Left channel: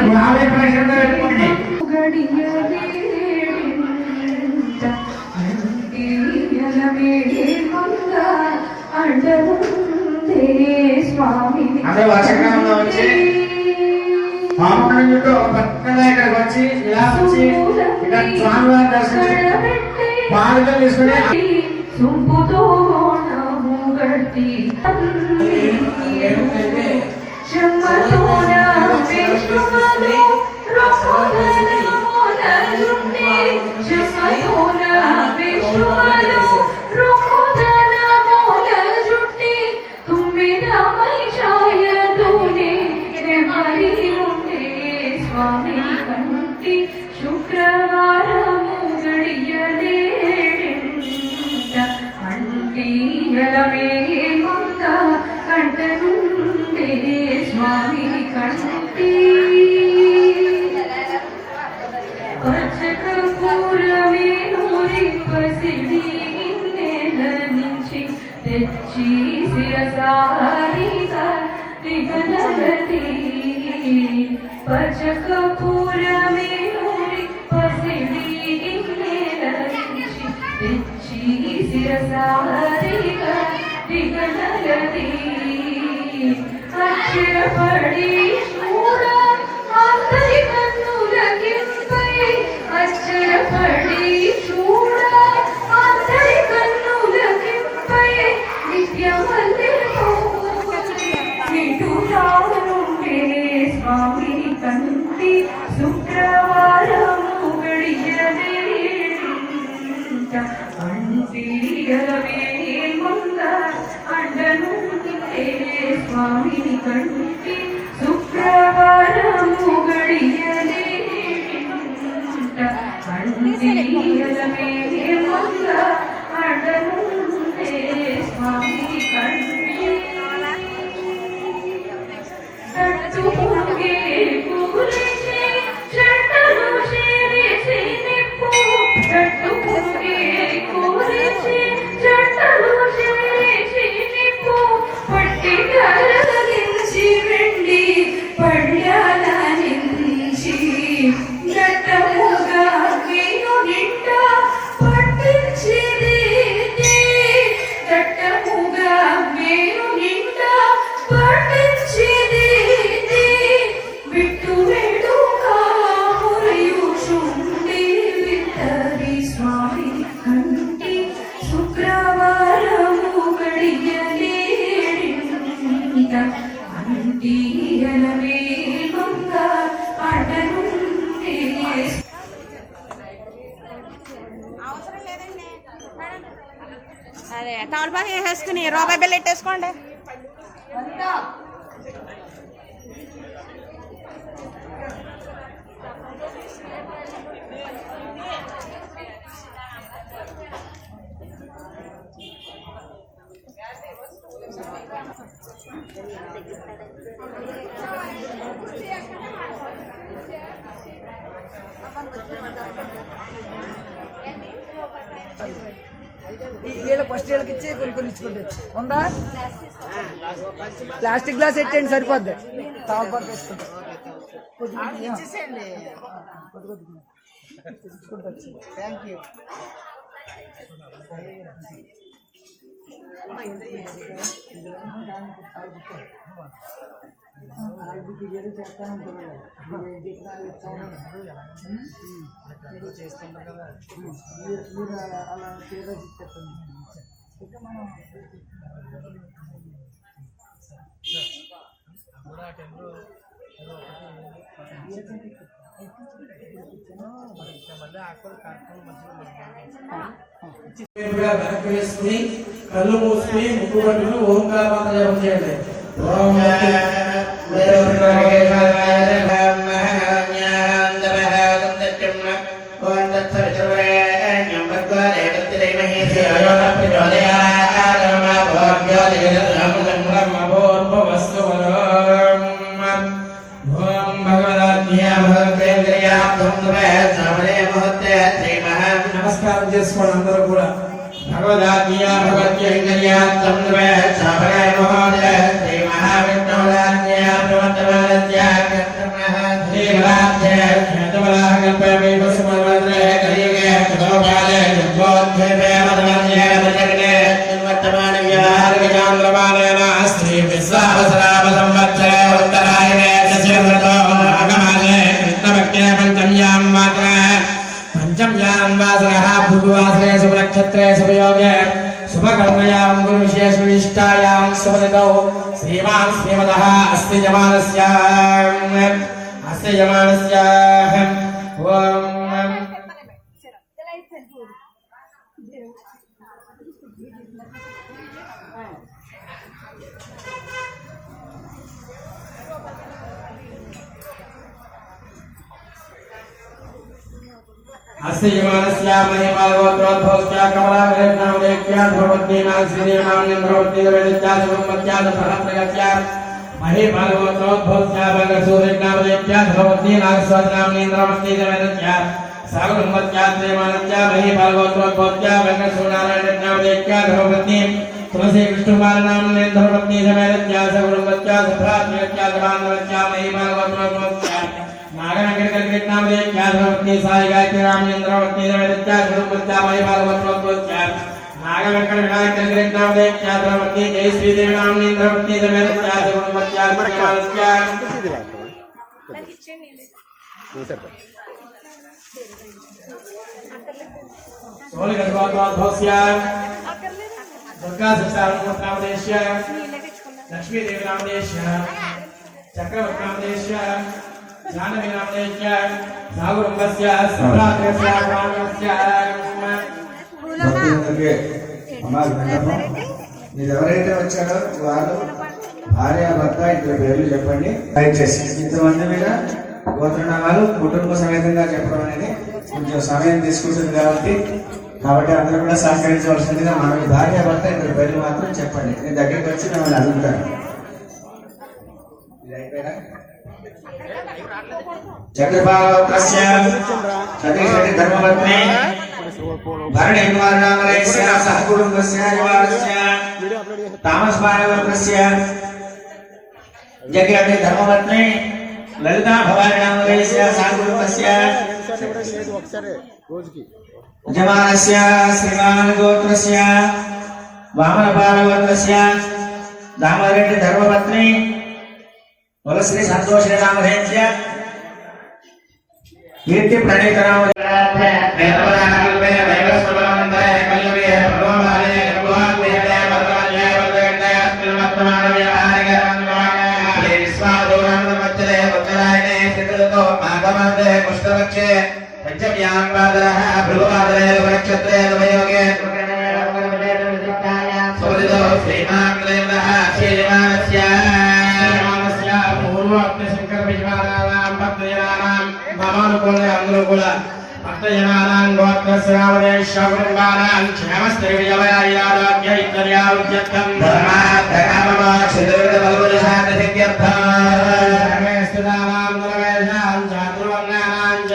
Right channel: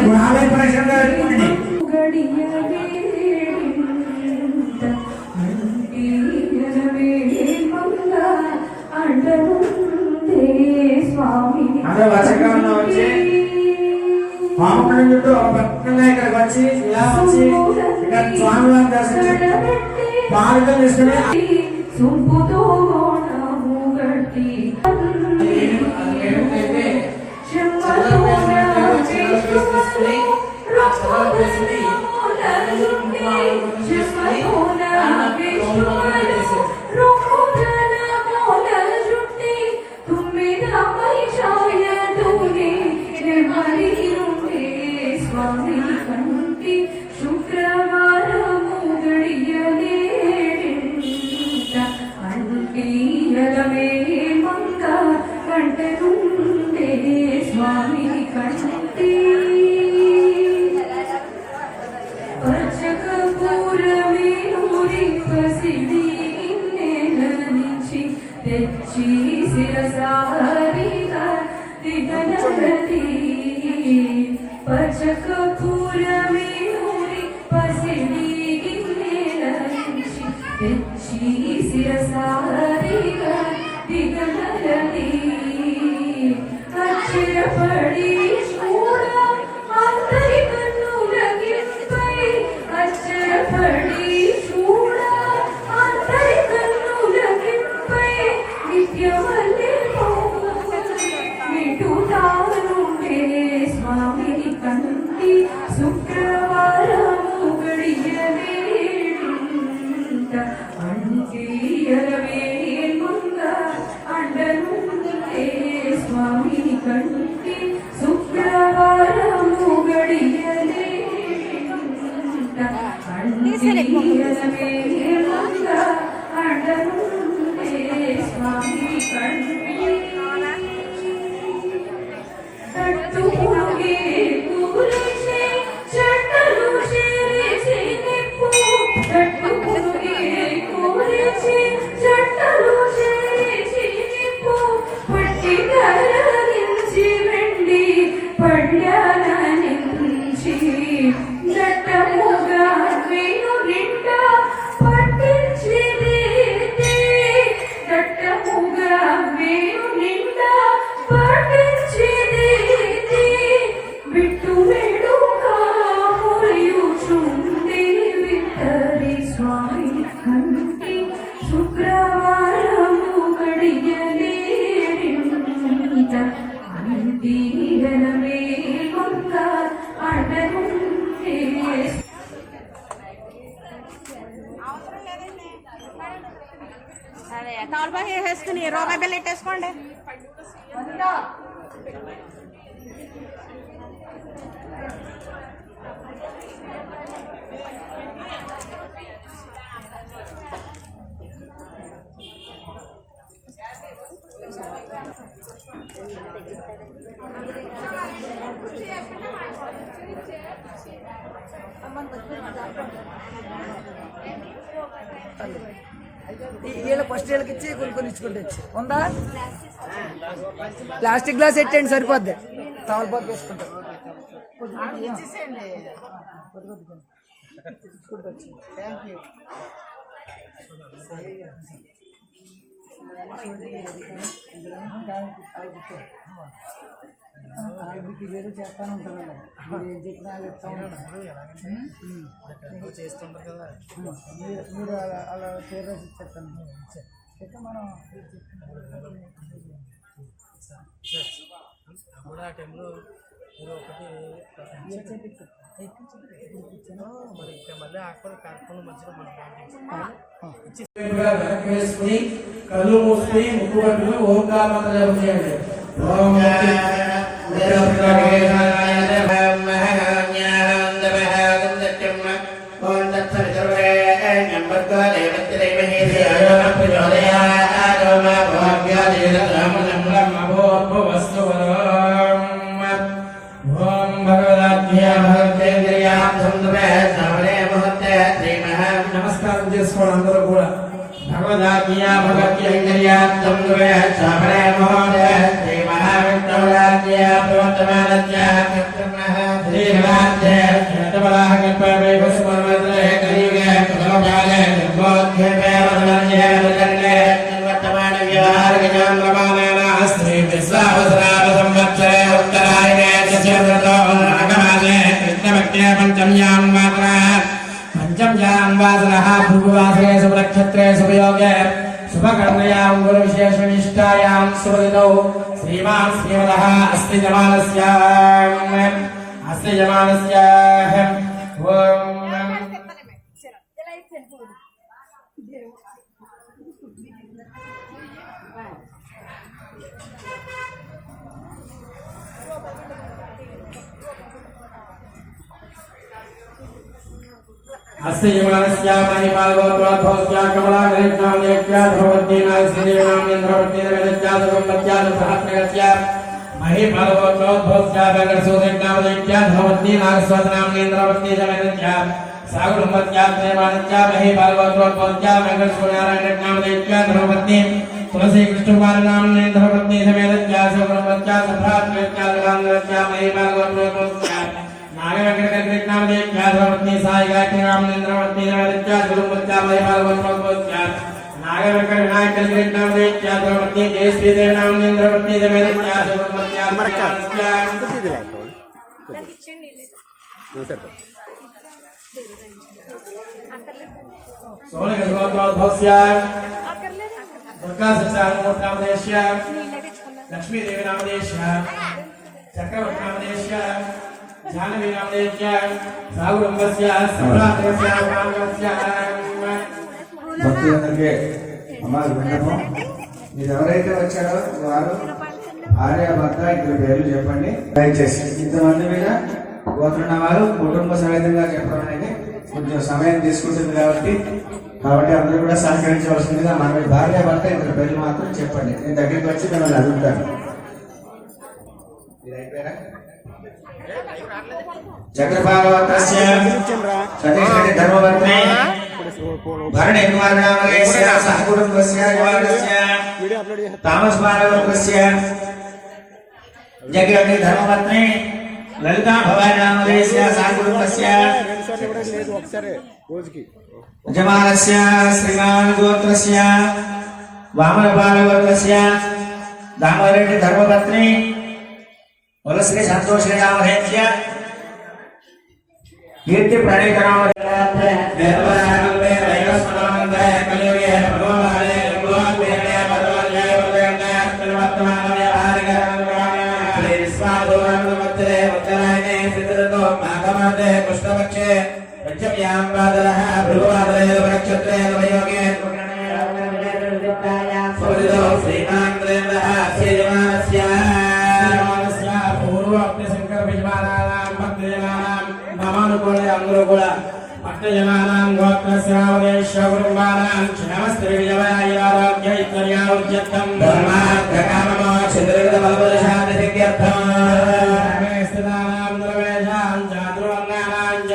గుణాలే ప్రశ్నగా పెట్టుకోండి. అదే వర్షకాలంలో వచ్చి పాపం చుట్టూ పక్కనే ఇక్కడికి వచ్చి ఇలా వచ్చి ఇక్కడ స్వామివారి దర్శనం పాలకం తీసుకుని వేసుకుని రూపాయి బిల్లు ఎట్టేసుకోండి. వీళ్ళ ఫస్ట్ వీళ్ళకి ఇచ్చి కొన్ని ఇచ్చుకుంటూ వచ్చి ఉందా ప్లాస్టిక్ గ్లాస్ ఎట్టండి సరిపోద్ది తాల్పాకు వేసుకుంటా ఇచ్చుకుంటూ వచ్చి థ్యాంక్ యూ. ఏదో చేస్తాను ఉంటున్నాను ఏం చెప్పినా చేస్తుంటారు కదా మీరు అలా పేరు ఇచ్చేస్తాను అయితే మనం టైంలో కళ్ళు మూసుకుని ముక్కు పట్టుకుని ఓంకారమంత్ర జపం చేయండి. నమస్కారం చేసుకోండి అందరూ కూడా. భగవదాజ్ఞా భగవత్యైంద్రియాత్తం చాపరే మహోదయ శ్రీ మహావిష్ణురాజ్ఞా ప్రవర్తమానజ్ఞా चान्द्रमानेन श्री विश्वावसराम संवत्सरे उत्तरायणे चतुर्दशो नागमासे कृष्णपक्षे पञ्चम्यां मात्रः पंचम्यां वासरः भृगुवासरे शुभनक्षत्रे शुभयोगे शुभकर्मयां गुरुविशेषविशिष्टायां शुभऋतौ श्रीमान् श्रीमदः अस्ति जमानस्य ओम अस्य यमानस्य महिमागोत्रोद्भवस्य कमलाग्रहणामदेक्या ध्रुवद्दीना श्रीदेवनामेन्द्रवद्दीनवेदत्या सर्वमत्या सहस्रगत्या महिमागोत्रोद्भवस्य वेदसूर्यनामदेक्या ध्रुवद्दीना स्वदनामेन्द्रवद्दीनवेदत्या सागरमत्या प्रेमानत्या महिमागोत्रोद्भवस्य वेदसूर्यनामदेक्या ध्रुवद्दी तुलसी कृष्णकुमारनामेन्द्रवद्दीनवेदत्या सर्वमत्या सभ्राज्ञत्या धर्मानत्या महिमागोत्रोद्भवस्य नागनगरकृष्णामदेक्या ध्रुवद्दी साई गायत्री रामचंद्रवद्दीनवेदत्या गुरुमत्या महिमागोत्रोद्भवस्य नागवेंकट विनायक कृष्णामदेक्या ध्रुवद्दी जय श्रीदेवनामेन्द्रवद्दीनवेदत्या सर्वमत्या सोलगढ़ दुर्गा सच्चारमूर्तामदेश्य लक्ष्मी देवी नामदेश्य चक्रवर्ती नामदेश्य जानवी नामदेश्य सागुरंगस्य सम्राज्ञस्य प्राणस्य భక్తులందరికీ అమ్మాయి విన్నపం మీరు ఎవరైతే వచ్చారో వారు భార్య భర్త ఇద్దరు పేర్లు చెప్పండి దయచేసి ఇంతమంది మీద గోత్రనామాలు కుటుంబ సమేతంగా చెప్పడం అనేది కొంచెం సమయం తీసుకుంటుంది కాబట్టి అందరూ కూడా సహకరించవలసిందిగా మన భార్య భర్త ఇద్దరు పేర్లు మాత్రం చెప్పండి. నేను దగ్గరికి వచ్చి మిమ్మల్ని అడుగుతాను. చక్రపాలవత్రస్య చతుర్షటి ధర్మపత్ని భరణిర్మాణామలేస్య సహకుటుంబస్య యవారస్య తామస్మానవత్రస్య జగతి ధర్మపత్ని లలితా భవానామలేస్య సహకుటుంబస్య యజమానస్య శ్రీమాన్ గోత్రస్య వామనపాల గోత్రస్య దామరెడ్డి ధర్మపత్ని వలశ్రీ సంతోషి నామధేయ కీర్తి ప్రణీత పుష్పక్షే पंचम्यां वादरः भृगुवादरे नक्षत्रे नवयोगे सुदितो श्रीमान्द्रेन्द्रः श्रीमानस्य पूर्वोक्तशङ्कर विजमानानां भक्तजनानां ममानुकूल अनुकूल भक्तजनानां गोत्रस्यावदेशकुटुम्बानां क्षेमस्थिरविजयारोग्य इत्याद्यावृत्यर्थं धर्मार्थकाममाक्षिद्रविदबलबलशान्तिसिद्ध्यर्थं स्थितानां नरवेशां चातुर्वर्णानां च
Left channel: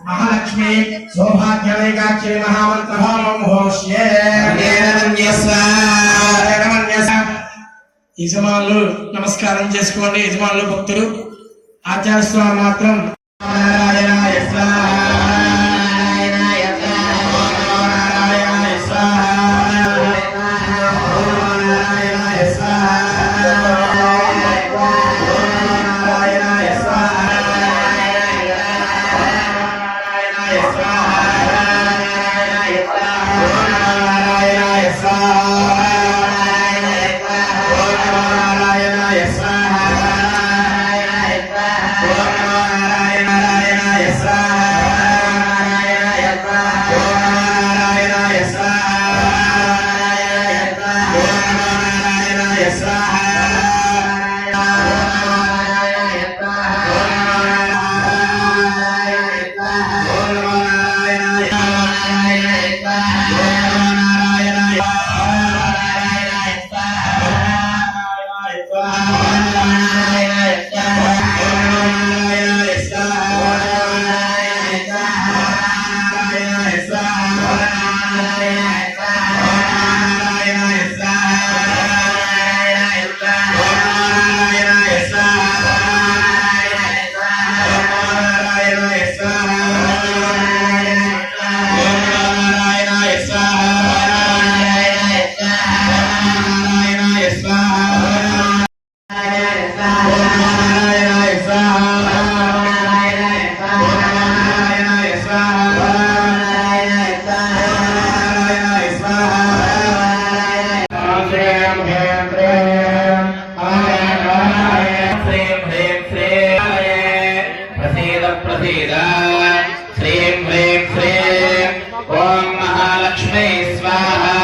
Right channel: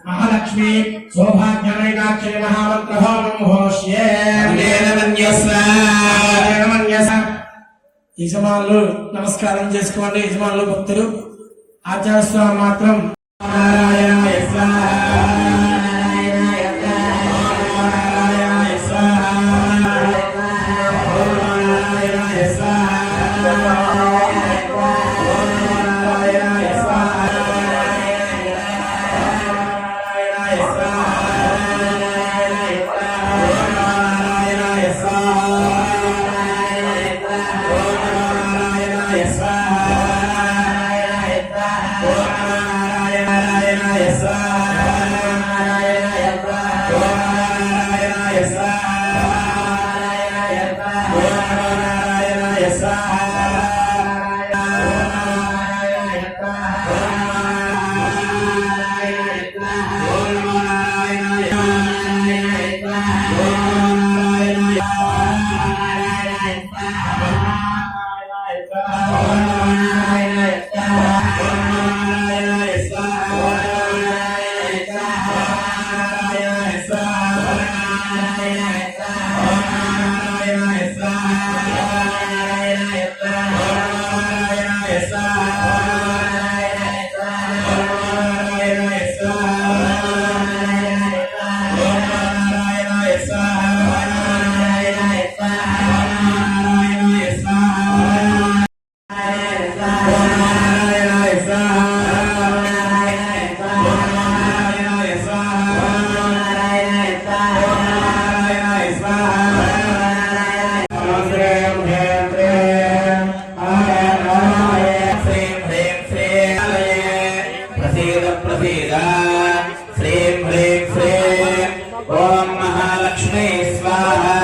महालक्ष्मी सौभाग्यमेकाक्षी महामंत्र होमं होष्ये యజమానులు నమస్కారం చేసుకోండి. యజమానులు భక్తులు ఆచార్యస్వామి మాత్రం నారాయణాయ స్వాహా श्रीं ह्रीं श्रीं ॐ महालक्ष्मी स्वाहा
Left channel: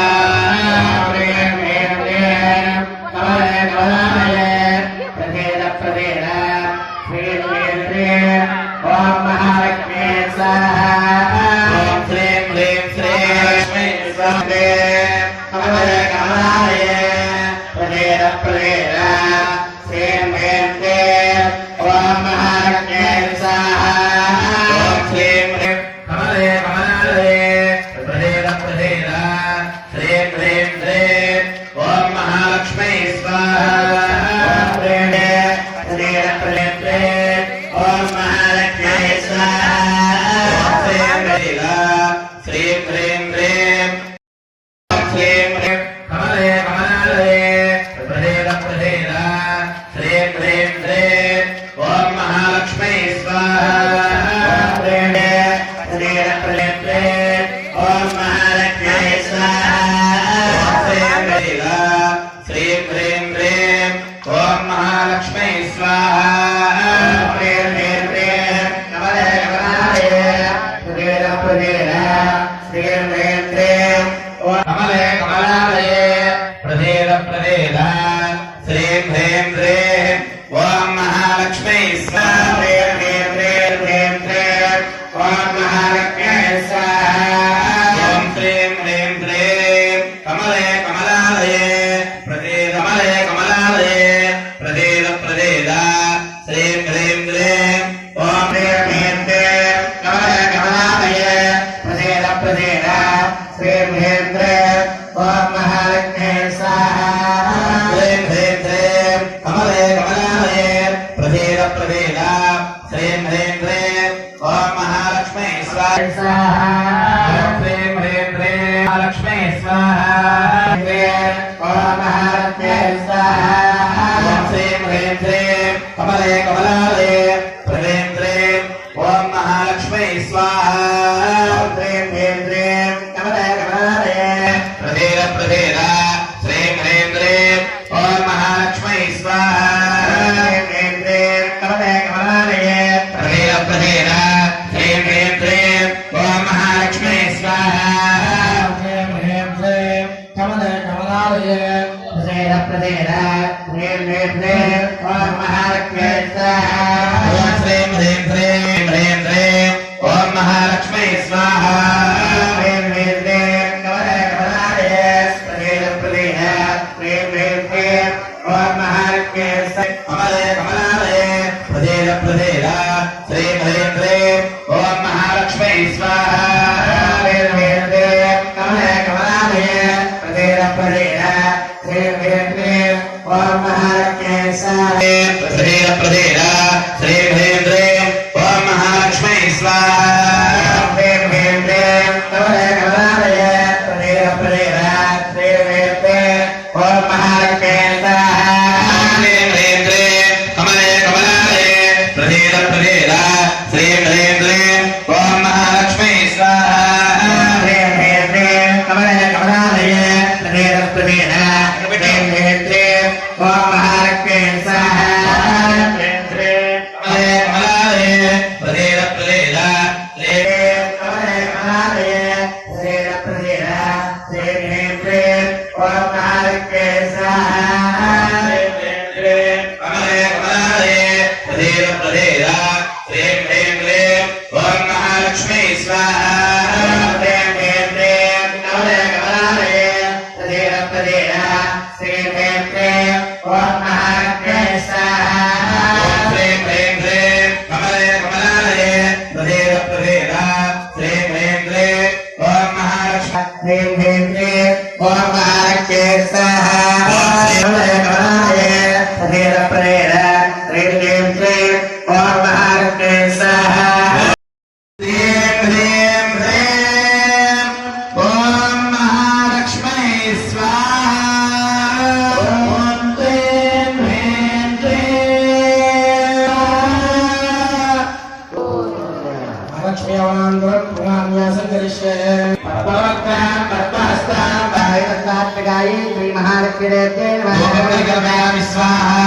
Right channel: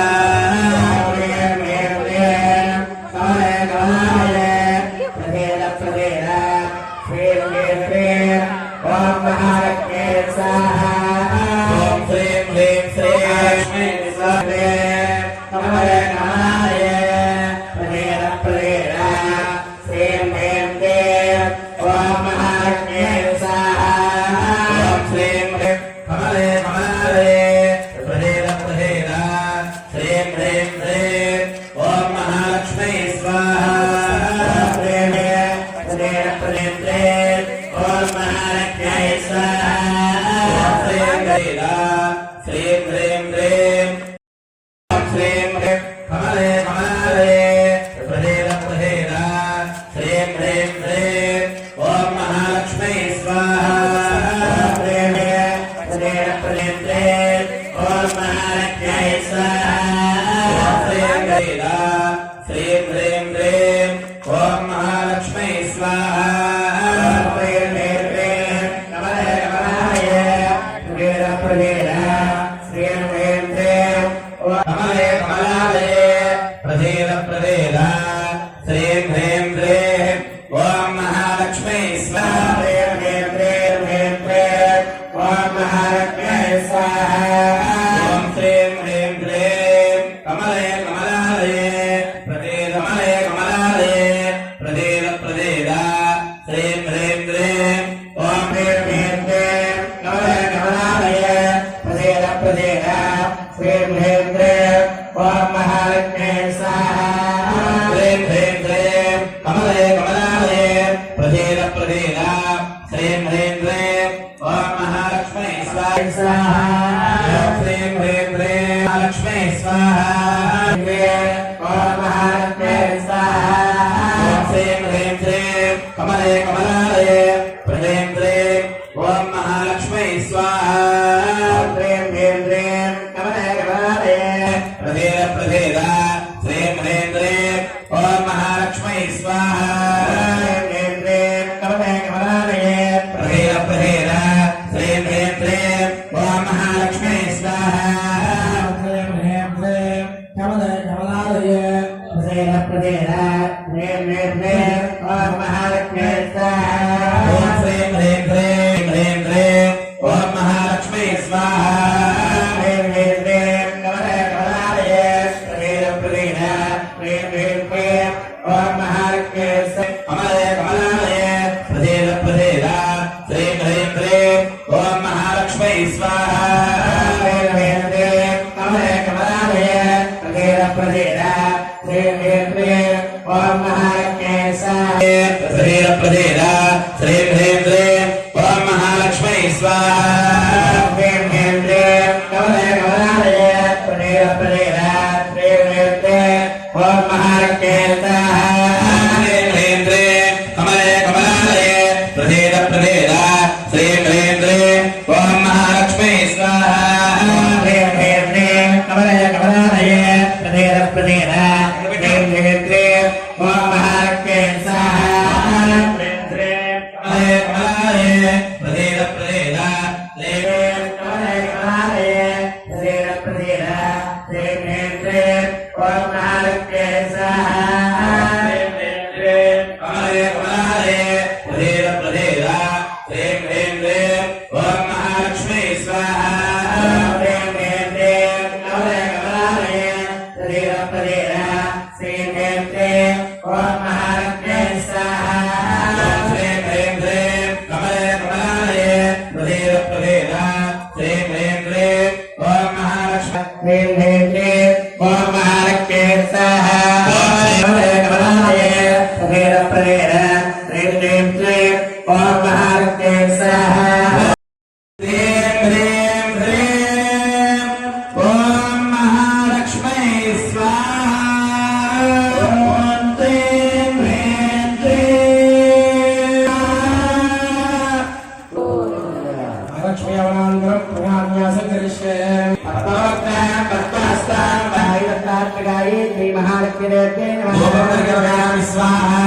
Lexmi Awanandra Purnamya Sangarishe Pratavakta Pratavasta दत्तात्रेयाय Shri महालक्ष्मीदेव्यै नमः धूपमृगमयामि स्वाहा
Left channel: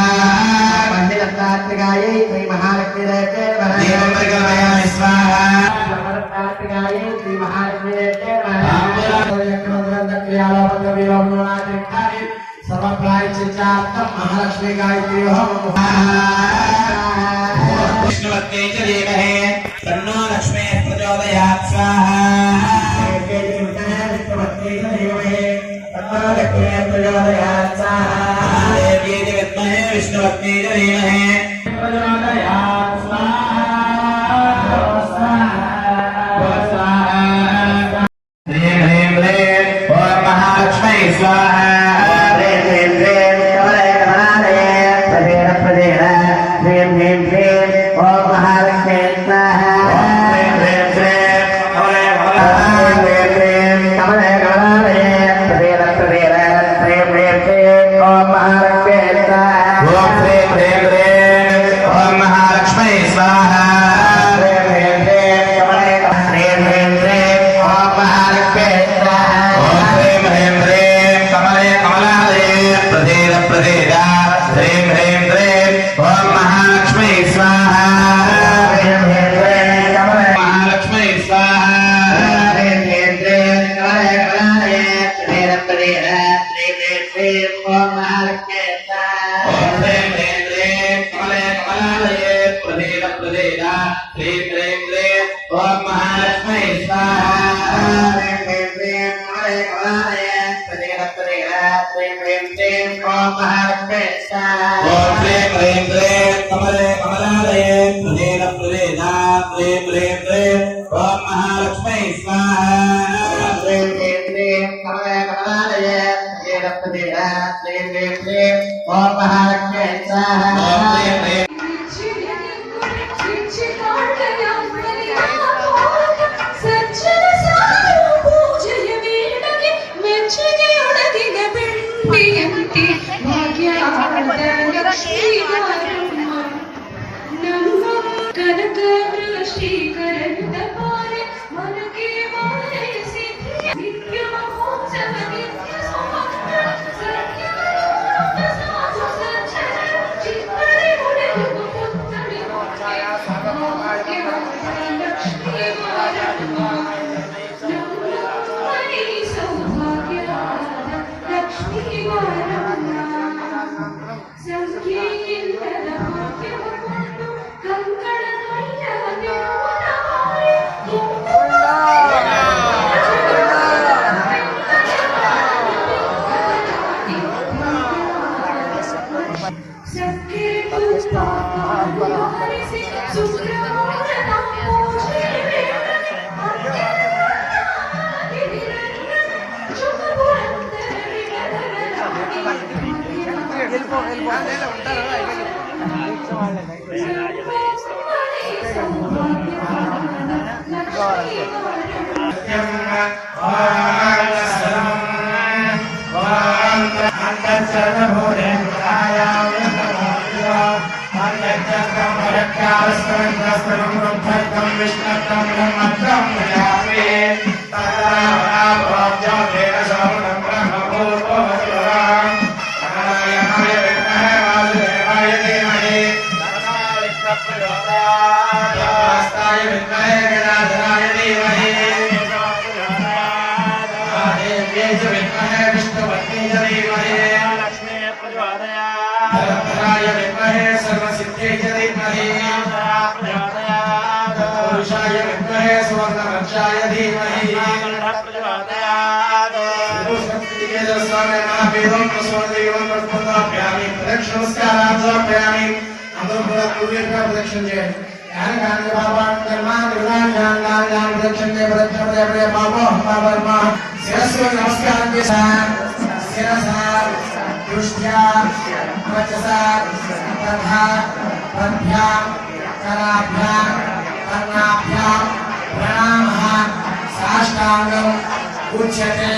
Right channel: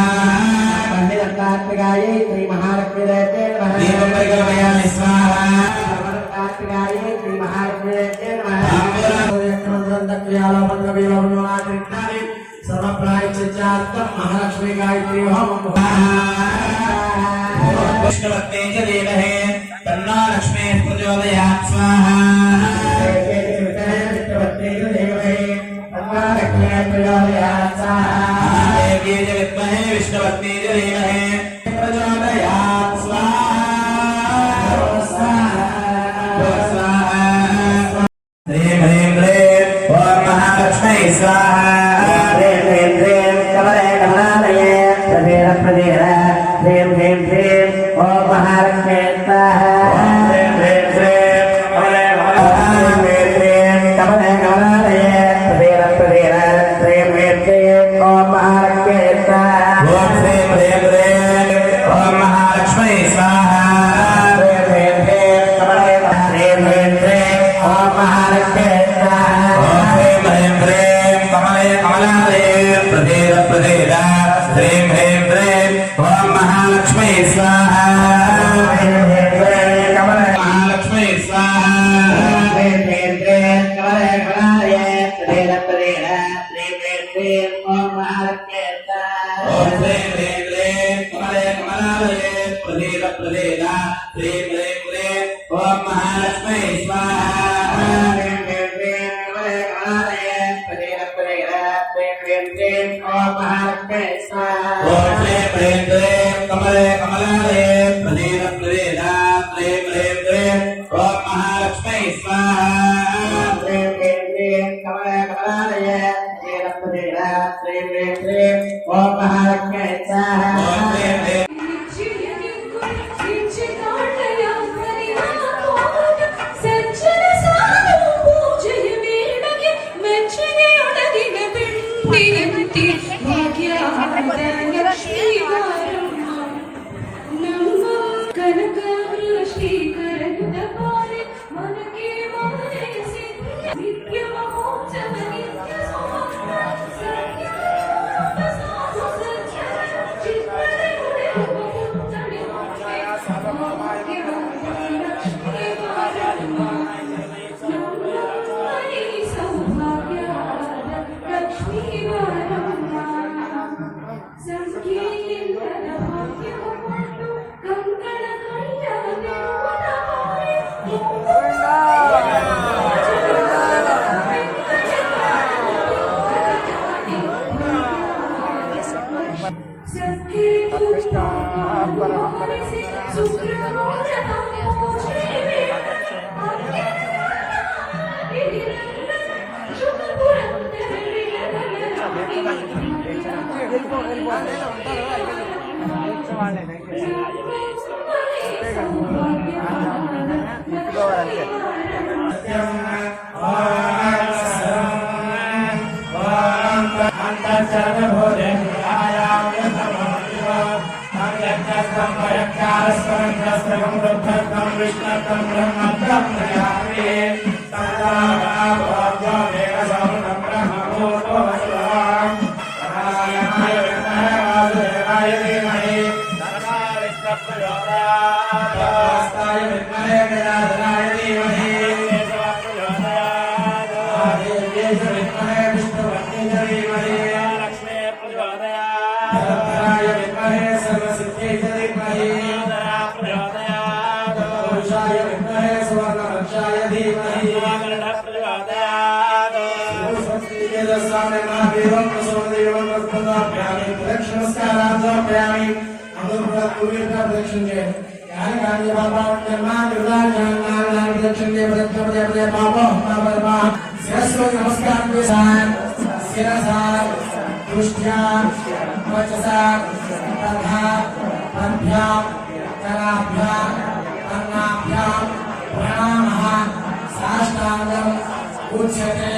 दत्तात्रेयाय श्री महालक्ष्मीदेव्यै नमः दीपमृगमयामि स्वाहा दत्तात्रेयाय श्री महालक्ष्मीदेव्यै नमः सर्वप्रायश्चित्तार्थं महालक्ष्मी गायत्री होमं विष्णुपत्नी च धीमहि तन्नो लक्ष्मीः प्रचोदयात् स्वाहा देवी च विद्महे विष्णुपत्नी च धीमहि प्रचोदयात् स्वाहा ह्रीं ह्रीं क्लीं ॐ महालक्ष्मै स्वाहा उच्यते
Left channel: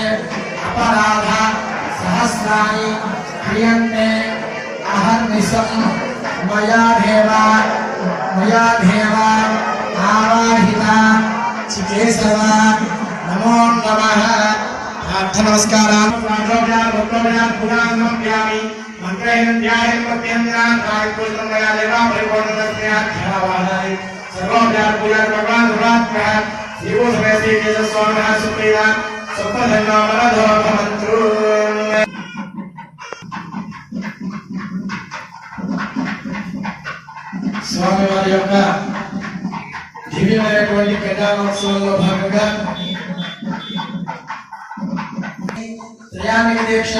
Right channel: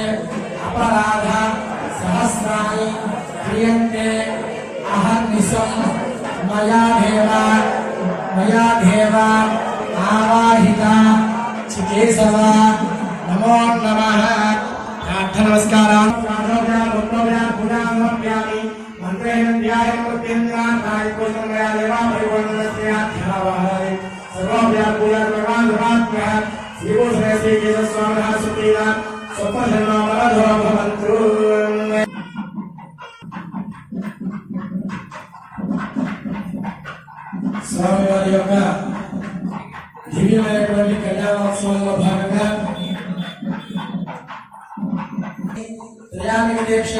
अपराध सहस्राणि क्रियन्ते अहर्निशं मया देव आवाहिता चिकेशव नमो नमः। అర్థ నమస్కారం మంత్రేణ ధ్యాయం ప్రత్యంజనాన్ కాయపుష్టం మయా దేవా పరిపూర్ణదర్శనాఖ్యావాహాయ సర్వవ్యాప పూజా భగవాన్ ధర్మాత్మ శివో సమేతి తేజస్వామినః సుప్రీతా సప్తధన్యవరధో భవంతు. స్వామివారి యొక్క దివ్యమైనటువంటి కళ్యాణోత్సవంలో భాగంగా త్రయాణిక దీక్ష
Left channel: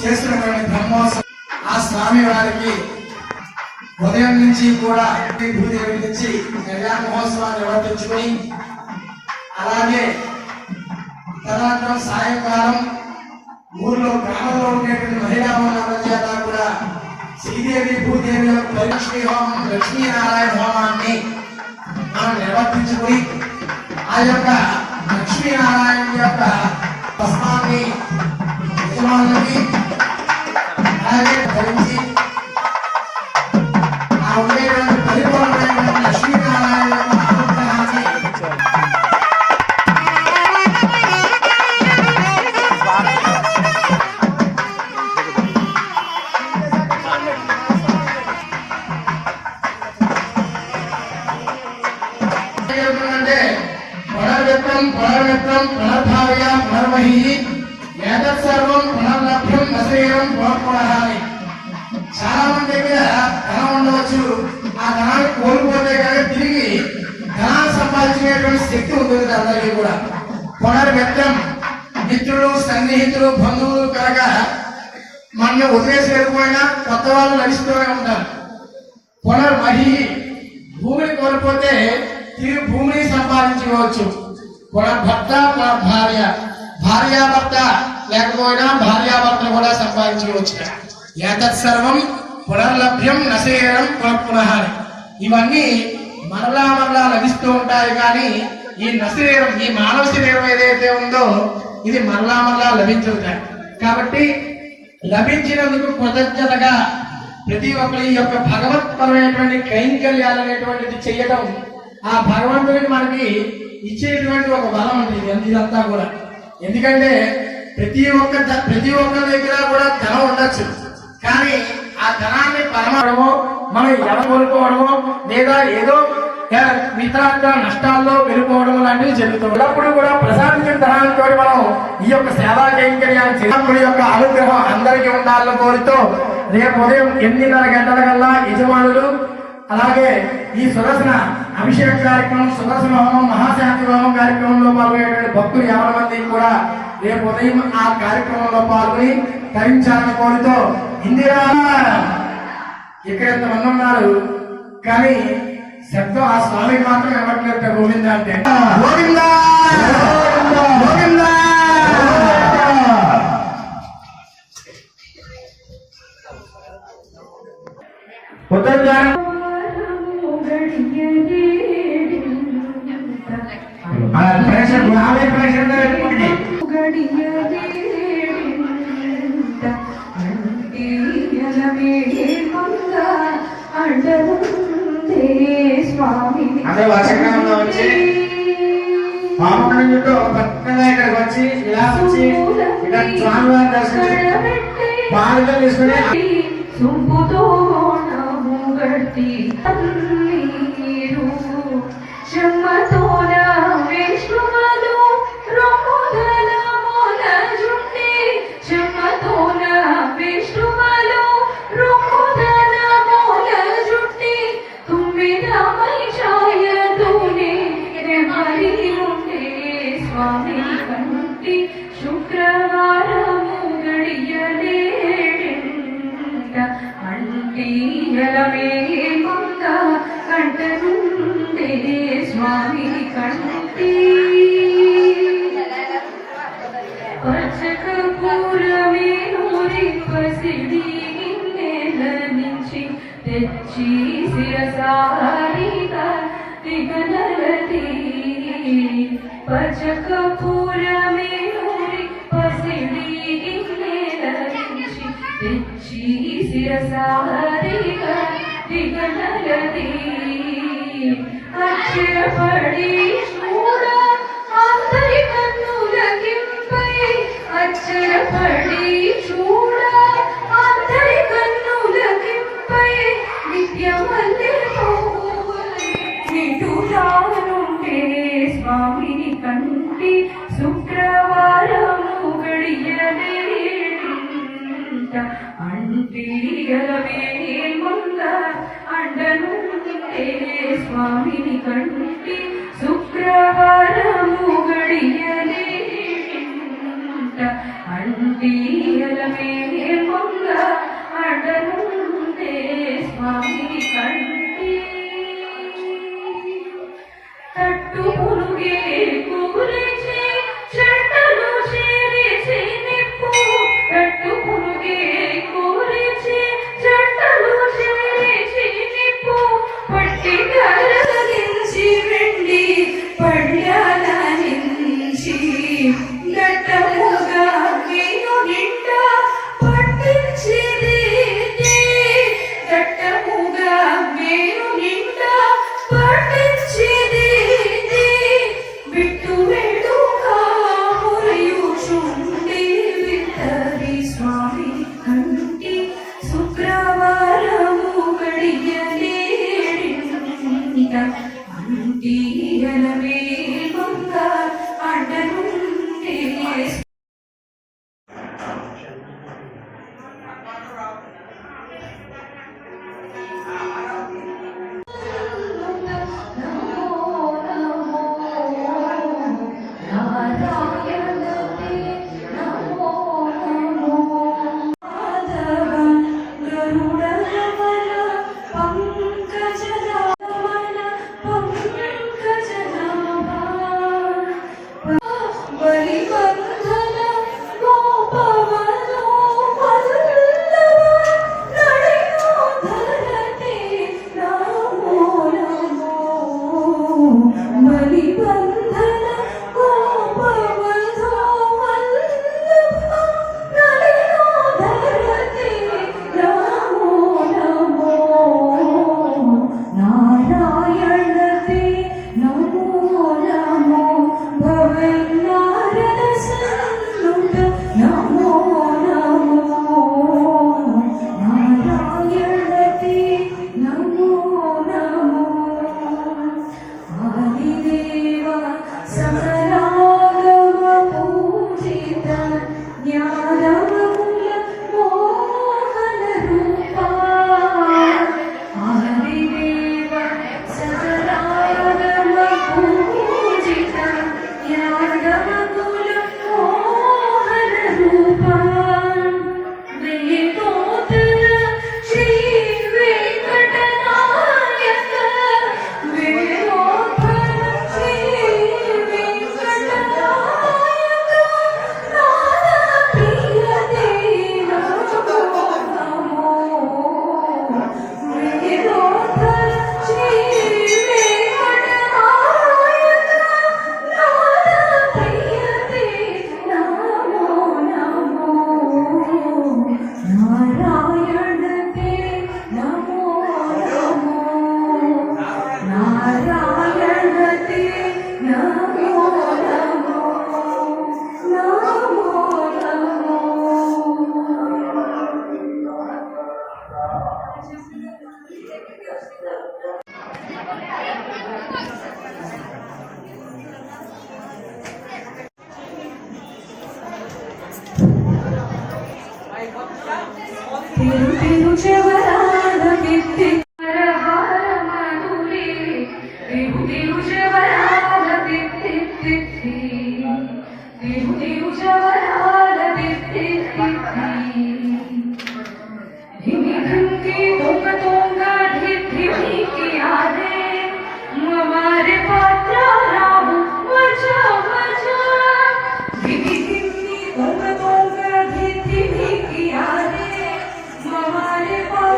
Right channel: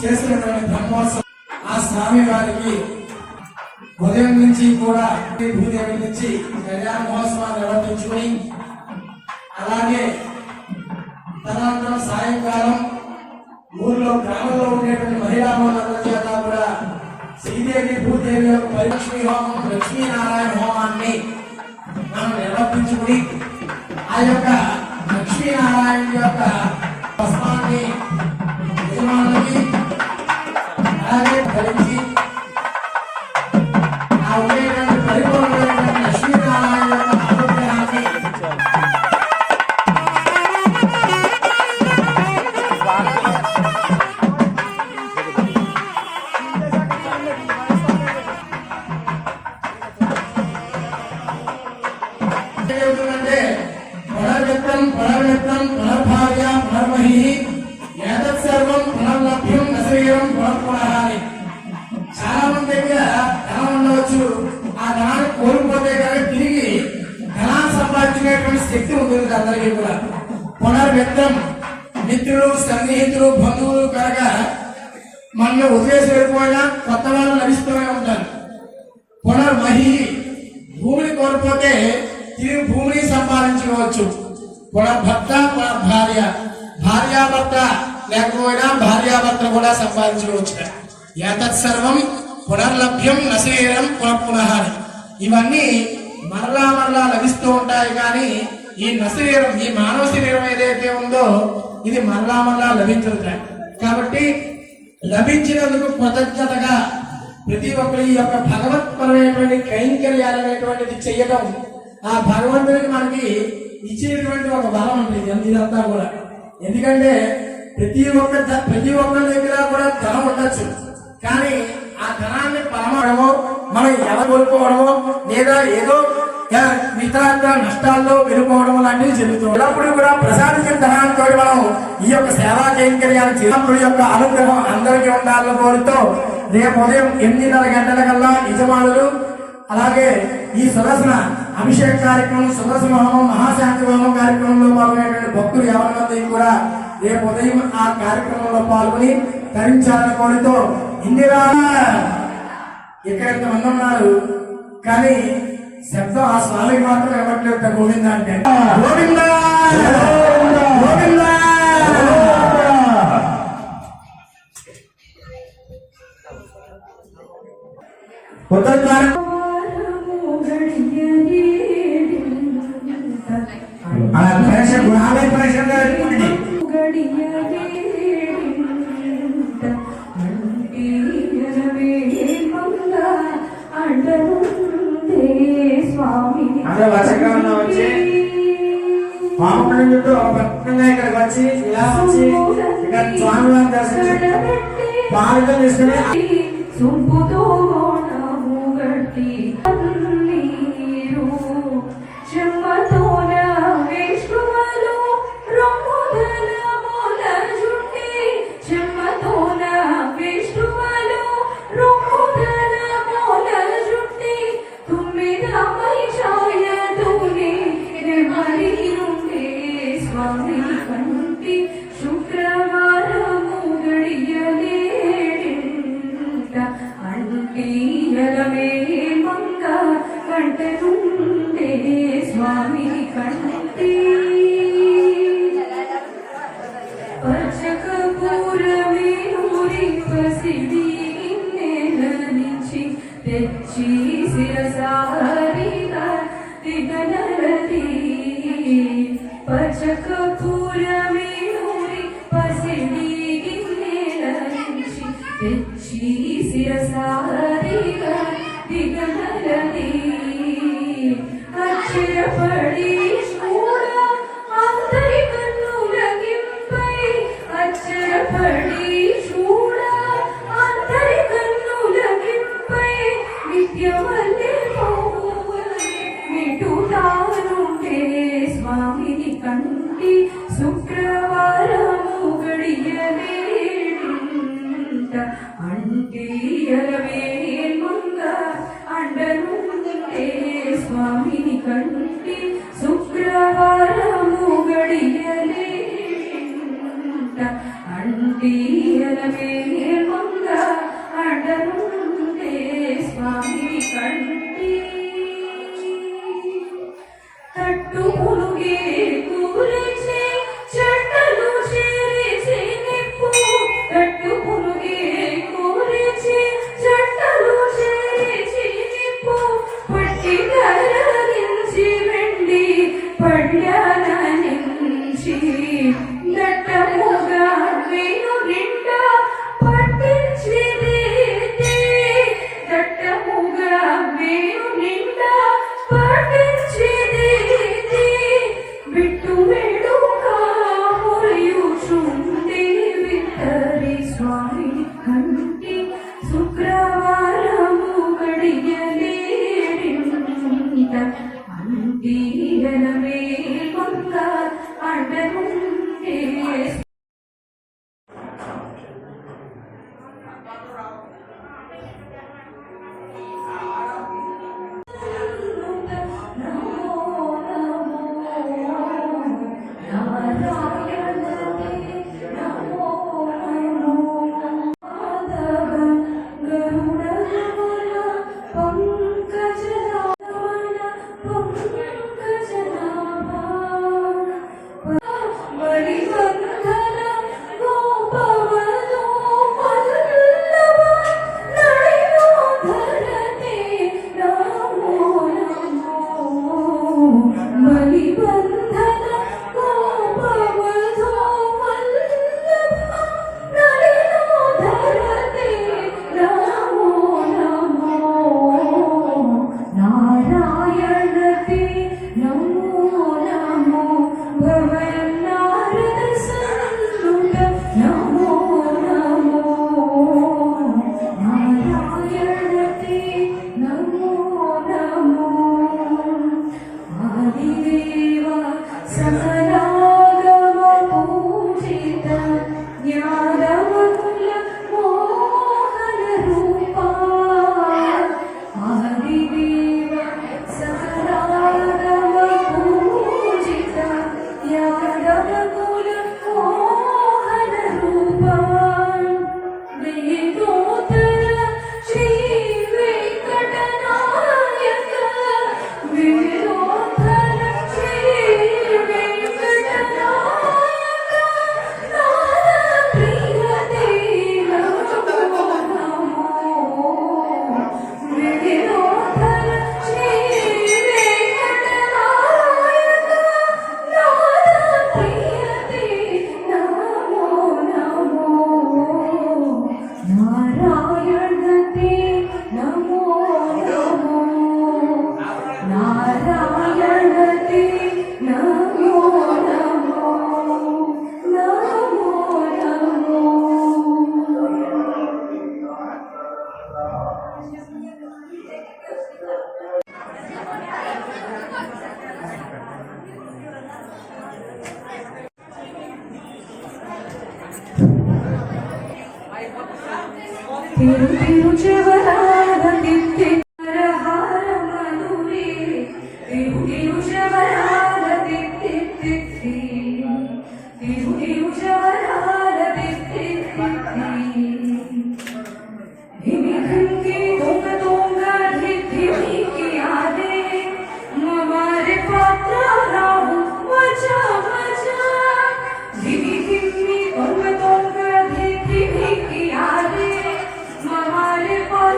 చేస్తున్నటువంటి బ్రహ్మోత్సవం ఆ స్వామి వారికి ఉదయం నుంచి కూడా భూదేవి నుంచి కళ్యాణ మహోత్సవాన్ని నిర్వర్తించుకుని అలాగే తదనంతరం సాయంకాలం ఊర్లో గ్రామంలో ఉండేటువంటి మహిళా మనులందరి చేత కూడా శ్రీదేవి భూదేవి యొక్క పరిలక్ష్మీ హోమం లక్ష్మీనారాయణ హోమాన్ని మనం నిర్వర్తించుకుని ఆ యొక్క లక్ష్మీనారాయణ యొక్క భస్మాన్ని యజమానులకి అలాగే ధరించి ఆ ఉండేటువంటి పరిపూర్ణమైనటువంటి లక్ష్మీనారాయణ యొక్క అనుగ్రహాన్ని అంటే పునర్విత్తం పునర్మిత్రం పునర్భావ్య పునర్మహి ఏతత్ సర్వం పునర్లభ్యం నశరీరం పునఃపునః. చాలా మంది దగ్గర ధనం ఉండవచ్చు, ఆ ధనాన్ని కోల్పోతే కానీ తిరిగి ధనాన్ని సంపాదించుకునేటువంటి శక్తి ఉంటుంది అందరికీ కూడా. పునర్మిత్రం మిత్రులు సన్నిహితులు బంధువులు కనుక మనల్ని వదిలేసి వెళ్ళిపోయినా కొత్త వాళ్ళు లభిస్తూనే ఉంటారు. పునర్మహి భూమిని కోల్పోతే తిరిగి భూమిని సంపాదించుకోవచ్చు. పునర్భర్త పునర్భార్య భార్యాభర్త లేకపోయినా భార్యాభర్తను కూడా సంపాదించుకోవచ్చు. ఏతత్ సర్వం పునర్లభ్యం నశరీరం పునఃపునః. ఇవన్నీ మరలా మరలా లభిస్తూ ఉంటాయి కానీ ఈ నశరీరం ఈ మానవ శరీరం ఏదైతే ఉందో ఇది మరలా మరలా లభించుతాయి. కాబట్టి లభించినందుకు కృతజ్ఞతగా ప్రతి ఒక్కరి యొక్క భగవత్పరమైనటువంటి కైంకర్యాలు అనేటువంటిది చేయడం ఆ భగవంతునికి మనకి ఇచ్చేటువంటి ఒక బలం ఉంటుంది ఇదంతా కూడా. ఎందుకంటే ప్రతి ఒక్కరి దగ్గర కూడా ధనం ఉండొచ్చు, కానీ ఆ ధనాన్ని పరమడమో మనం ఎవరు కోల్పోవడమో లేదా ఏదో ఇతర నష్టాల్లో వెళ్ళిపోవడం లాంటివి జరుగుతుంది. ఎల్లప్పుడూ కూడా ప్రసాదించిన ధనాలతో మనం ఈ యొక్క సేవా కైంకర్యాలు చేయడం యొక్క అనుగ్రహం అందరికీ ఉండాలని కోరుతూ రేపు ఉదయం 8:30 గంటల కల్లా యజమానులు అలాగే ఈ సుదర్శన అభిషేక కార్యక్రమం సుదర్శన హోమం మహాశాంతి హోమం కార్యక్రమంలో పాల్గొనేటువంటి భక్తులు 50 మంది కూడా రేపు ఉదయం ఆ కార్యక్రమంలో పాల్గొని తరించాలని కోరుతూ ఇందిరా ఇక్కడ ఇంతమంది ఉన్నారు కానీ శబ్దం ఆ స్వామి మాత్రం ఇవ్వట్లేదు. గోవింద అంటే గోవింద గోవింద. అందరూ వర్షకాలంలో వచ్చి పాపం చుట్టూ పట్టణంగా ఇక్కడికి వచ్చి ఇలా వచ్చి ఇక్కడ స్వామివారి దర్శనం పాలుగా తీసుకుని పడి చూడ అందరి కన్నులకింపై స్థిరపడి చూడ అందరి కన్నులకింపై నిత్యమల్లి నిటులానుండే స్వామిని కంటి శుక్రవారము గడియలేంట అంటియలమే ముంద అండనుండే స్వామిని కంటి శుక్రవారము గడియలేంట అంటియలమే ముంద అండనుండే స్వామిని కంటి తట్టు పులుగే కూలిచి చెట్టలు చేరిచి నిప్పు తట్టు పులుగే కూలిచి చెట్టలు చేరిచి నిప్పు పట్టి కరగించి వెండి పడ్యాల నుంచి గట్టముగా నేను నిండ పట్టించిది గట్టముగా నేను నిండ పట్టించిది బిట్టు వేడుగా మురియుచుండి విత్తరి స్వామి కంటి శుక్రవారము గడియలేడింట అంటియలమే మంగ అడనుండే Mama,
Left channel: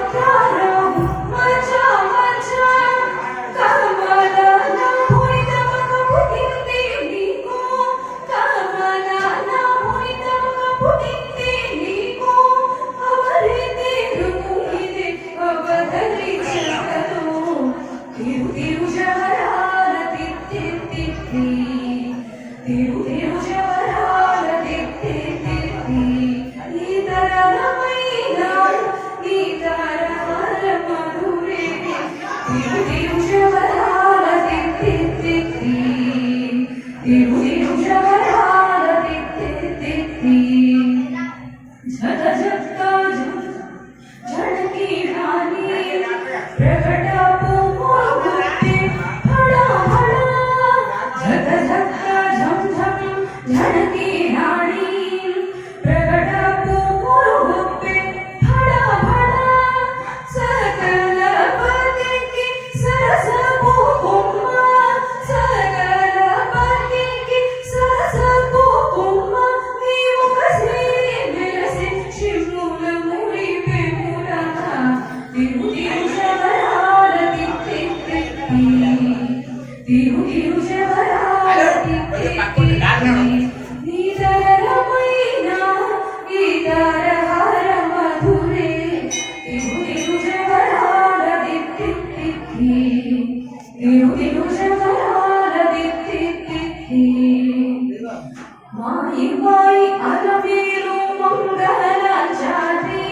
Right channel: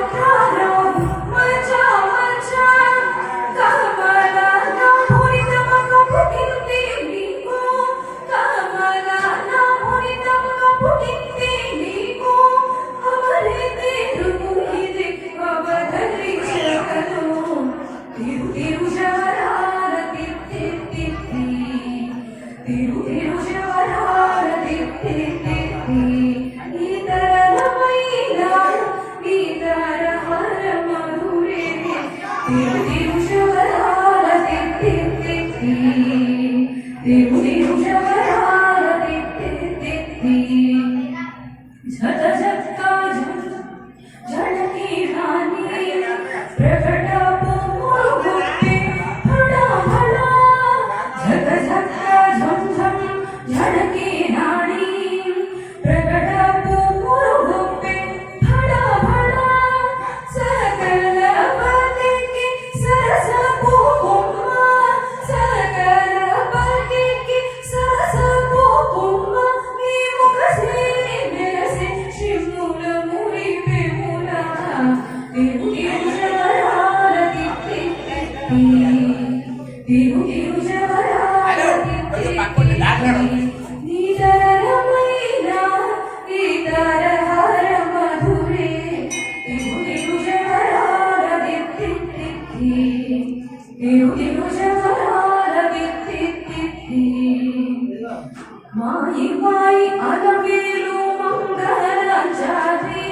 మాయి మాయి అలవేలు మంగళాచారి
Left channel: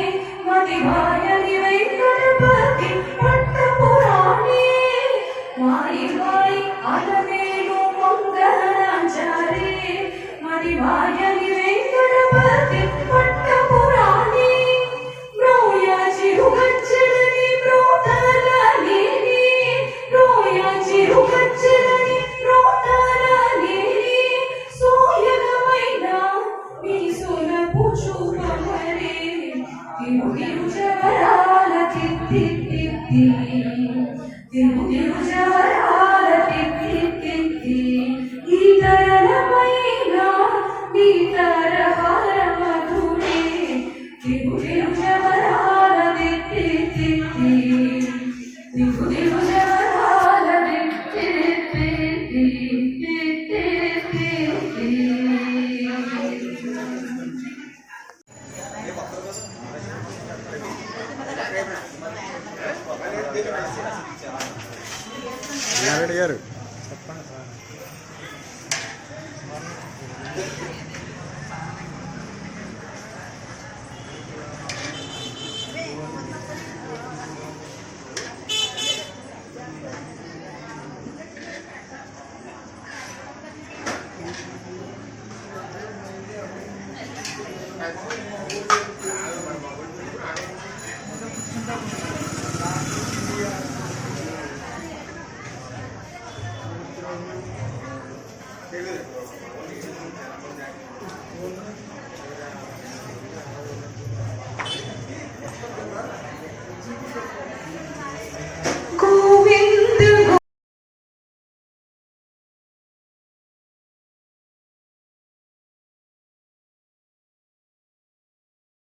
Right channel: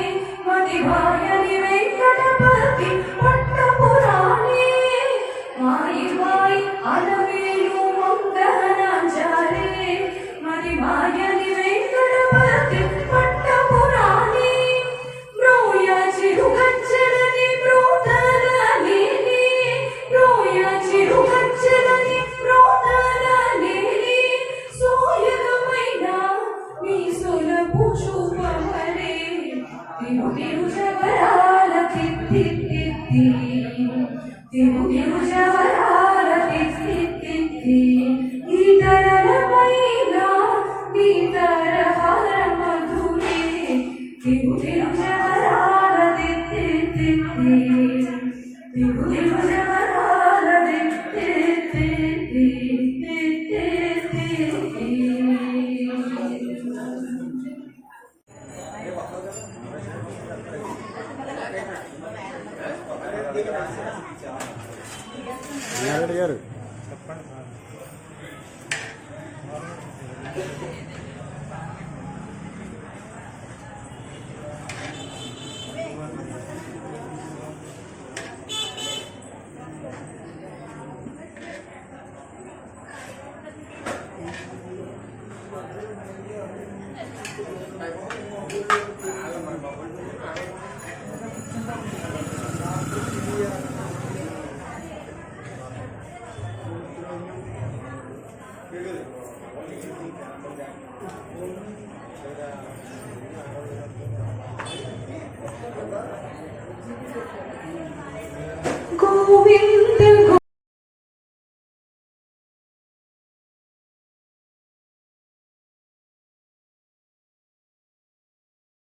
మదివాయని వెంకటపతి పట్టపురాణి మాయి మాయి అలవేలు మంగళాచారి మదివాయని వెంకటపతి పట్టపురాణి బ్రోయ చిరుగచ్చడని బ్రోతలని బ్రోయ చిరుగచ్చడని బ్రోతలని సోయగమైన మీ సొలపు చూపమరే తిరు తిరు జవరాల తిత్తి తిత్తి తిరు తిరు జవరాల తిత్తి తిత్తి ఈ తరలమైన ఈ తరహార మధురే తిరు తిరు జవరాల తిత్తి తిత్తి తిరు తిరు జవరాల తిత్తి తిత్తి నారాయణ గారు చెప్పండి.